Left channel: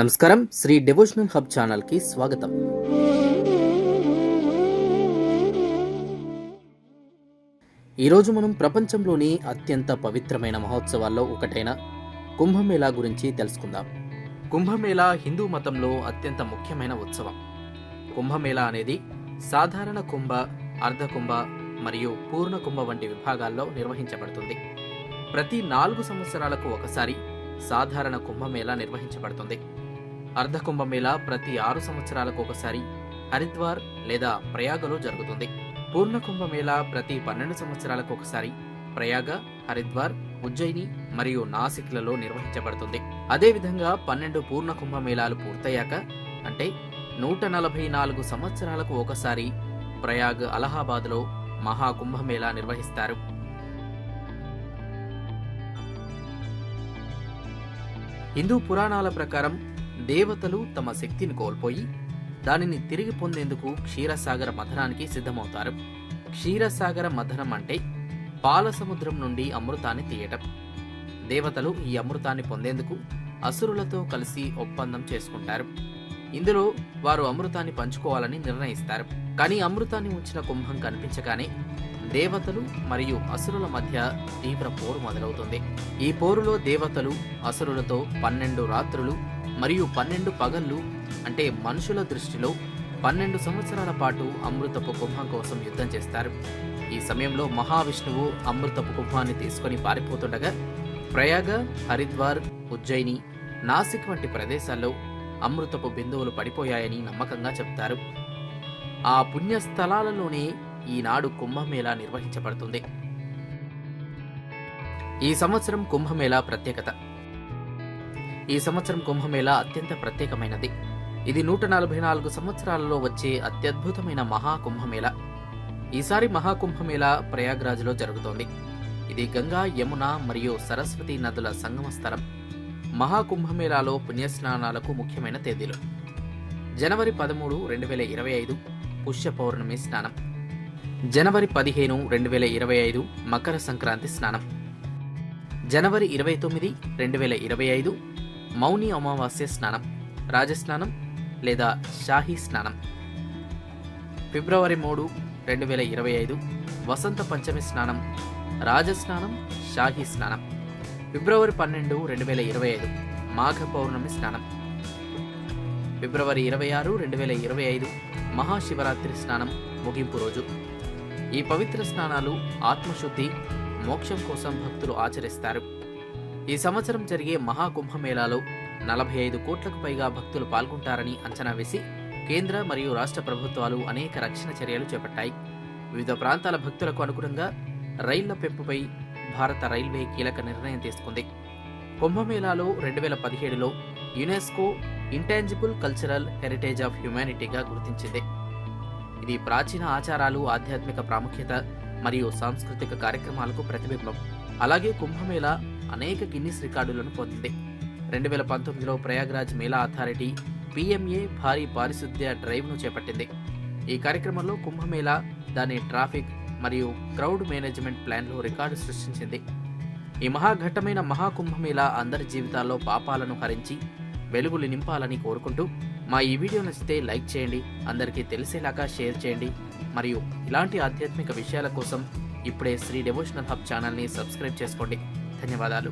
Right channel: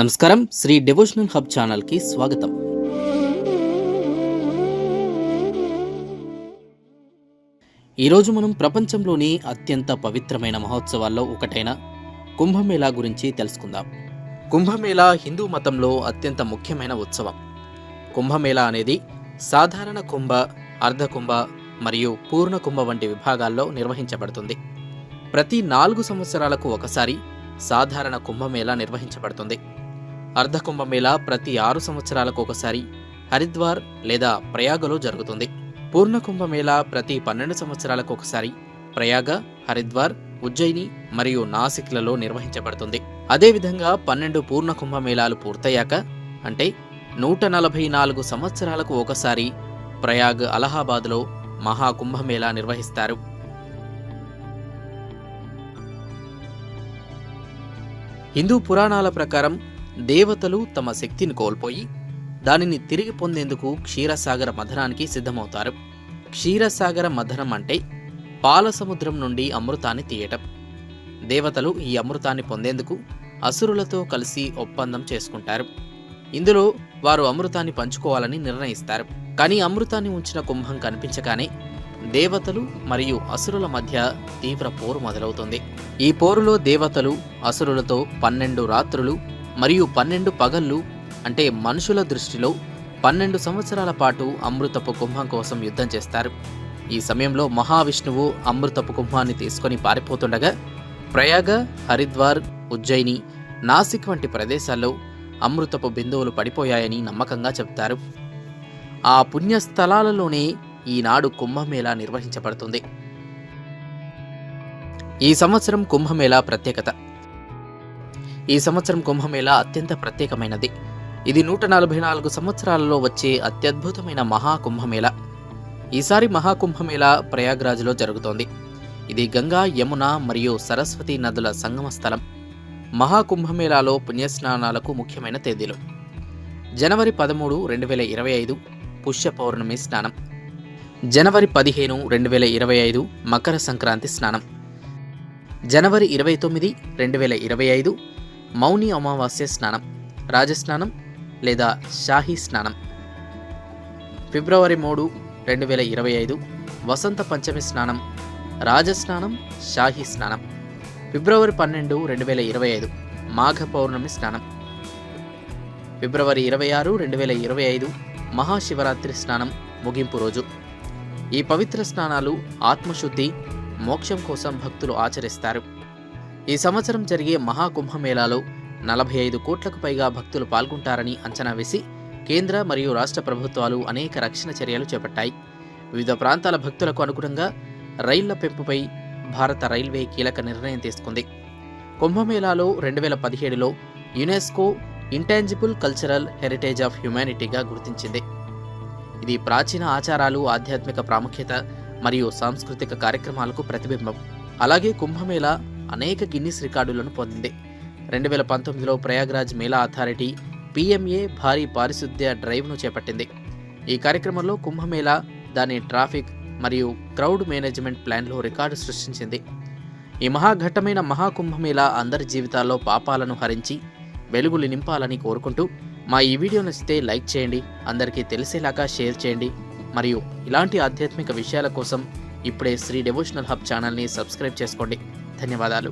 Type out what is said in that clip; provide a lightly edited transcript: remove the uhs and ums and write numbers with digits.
నమస్కారం. Shri devotional hub ఛానల్కి స్వాగతం. ఈరోజు మనం ప్రపంచంలోని అత్యంత పవిత్రమైన మహోత్సవాల్లో ఒకటైన కుంభమేళా గురించి తెలుసుకుందాం. కుంభమేళా హిందూ మతంలో అత్యంత ముఖ్యమైన ఉత్సవం. కుంభమేళా అనేది సాధారణ కుంభ, అర్ధకుంభ మరియు పూర్ణ కుంభ వంటి విభాగాల్లో నిర్వహించబడుతుంది. ప్రతి 4 సంవత్సరాలకు ఒకసారి సాధారణ కుంభమేళా నిర్వహించబడుతుంది. అర్ధకుంభమేళా ప్రతి 6 సంవత్సరాలకు ఒకసారి హరిద్వార్ లేదా ప్రయాగలో జరుగుతుంది. పూర్ణ కుంభమేళా ప్రతి 12 సంవత్సరాలకు ఒకసారి ప్రయాగ, హరిద్వార్, ఉజ్జయిని మరియు నాసిక్లలో నిర్వహించబడుతుంది. అదేవిధంగా 12 పూర్ణ కుంభమేళాలు పూర్తయ్యాక, అంటే 144 సంవత్సరాలకు ఒకసారి ప్రయాగ్, అలహాబాద్లో మహాకుంభమేళా నిర్వహిస్తారు. హిందూ పురాణాల ప్రకారం దేవతలు తమ శక్తిని కోల్పోయి దానిని తిరిగి పొందేందుకు క్షీరసాగర మథనానికి సిద్ధమవుతారు. క్షీరసాగర మథనం అంటే పాల సముద్రం నుండి అమృతాన్ని తీయటం. దేవతలు ఈ అమృతాన్ని పొందేందుకు అసురులతో కలిసి ఒప్పందం చేసుకుంటారు. ఇందులో వారు అమృతాన్ని పంచుకోవాలని నిర్ణయిస్తారు. కానీ అమృతాన్ని ఉంచిన కుంభం కనిపించగానే దేవతలు మరియు అసురుల మధ్య తీవ్ర పోరు మొదలవుతుంది. ఈ పోరులో దేవతలు అసురులతో 12 రాత్రులు మరియు 12 పగళ్ళు, అంటే మనుషుల దృష్టిలో 12 సంవత్సరాల పాటు అమృతపు కుంభం కోసం యుద్ధం చేస్తారు. ఈ సమయంలో మహావిష్ణువు అమృతపు కుంభాన్ని తీసుకొని పారిపోతుండగా ప్రయాగ, హరిద్వార్, ఉజ్జయిని, నాసిక్ వంటి ప్రదేశాల్లో అమృతపు బిందువులు పడిపోయాయని నమ్మకంగా చెబుతారు. ఆ పుణ్యస్థలాలలోనే ఈనాడు కుంభమేళా నిర్వహించబడుతుంది. ఈ సంవత్సరం కుంభమేళా ప్రత్యేకత. ఈ సంవత్సరం కుంభమేళా అత్యంత ప్రత్యేకమైనది. ఇది 144 సంవత్సరాలలో వచ్చే అత్యద్భుతమైన మహాకుంభమేళా. ఈసారి మహాకుంభమేళా ప్రయాగ్రాజ్లో జరుగుతోంది. ఇది గంగా, యమున మరియు సరస్వతి నదుల సంగమ స్థలం. మహాకుంభమేళాలో పుణ్యస్నానాలకు ముఖ్యమైన తేదీలు: జనవరి 13, 2025 పుష్య పౌర్ణమి స్నానం, జనవరి 15, 2025 మకర సంక్రాంతి స్నానం, జనవరి 29, 2025 మౌని అమావాస్య స్నానం, రాజస్నానం లేదా షాహీ స్నానం, ఫిబ్రవరి 3, 2025 వసంత పంచమి స్నానం, రాజస్నానం, షాహీ స్నానం, ఫిబ్రవరి 12, 2025 మాఘ పౌర్ణమి స్నానం, ఫిబ్రవరి 26, 2025 మహాశివరాత్రి స్నానం, ముగింపు రోజు. ఈ పవిత్ర స్నానాలు ఆత్మశుద్ధి, మోక్షం కోసం భక్తులు ఆచరిస్తారు. ఈ సంవత్సరం జరిగే మహాకుంభమేళాలో 45 కోట్లకు పైగా భక్తులు పాల్గొంటారని అంచనా వేసి కేంద్ర మరియు రాష్ట్ర ప్రభుత్వాలు అనేక రక్షణ చర్యలు చేపట్టాయి. వివిధ ప్రాంతాల భక్తులకు అనుగుణంగా రైళ్ల పెంపుపై భారత రైల్వే కీలక నిర్ణయం తీసుకుంది. కుంభమేళాలో 2017లో UNESCO intangible cultural heritage of హ్యుమానిటీగా గుర్తించింది. ఇది ప్రాచీన ఆచారాలు, ఆధ్యాత్మిక ప్రాముఖ్యత మరియు సాంస్కృతిక కార్యక్రమాలకు ప్రతిబింబం. అలాగే కుంభమేళా అనేక గిన్నిస్ రికార్డులను పొందింది. 2019లో ప్రయాగ్రాజ్ మేళా అథారిటీ PMA భారీ పారిశుద్ధ్య డ్రైవ్ను చేపట్టింది. ఈ కార్యక్రమంలో కుంభమేళా దాని ట్రాఫిక్ మరియు క్రౌడ్ మేనేజ్మెంట్ ప్లాన్లో రికార్డు సృష్టించింది. ఈ మహాఘట్టమైన మహాకుంభమేళా అందరి జీవితాల్లో పాపాలను హరించి వెలుగులు నింపాలని కోరుకుంటూ, మా ఈ వీడియో నచ్చితే లైక్ చేయండి, అందరికీ తెలిసేలాగా షేర్ చేయండి, మరియు ఇలాంటి ఆధ్యాత్మిక విషయాల కోసం ఇప్పుడే శ్రీ డివోషనల్ హబ్ ఛానల్ని సబ్స్క్రైబ్ చేసుకోండి. ధన్యవాదాలు.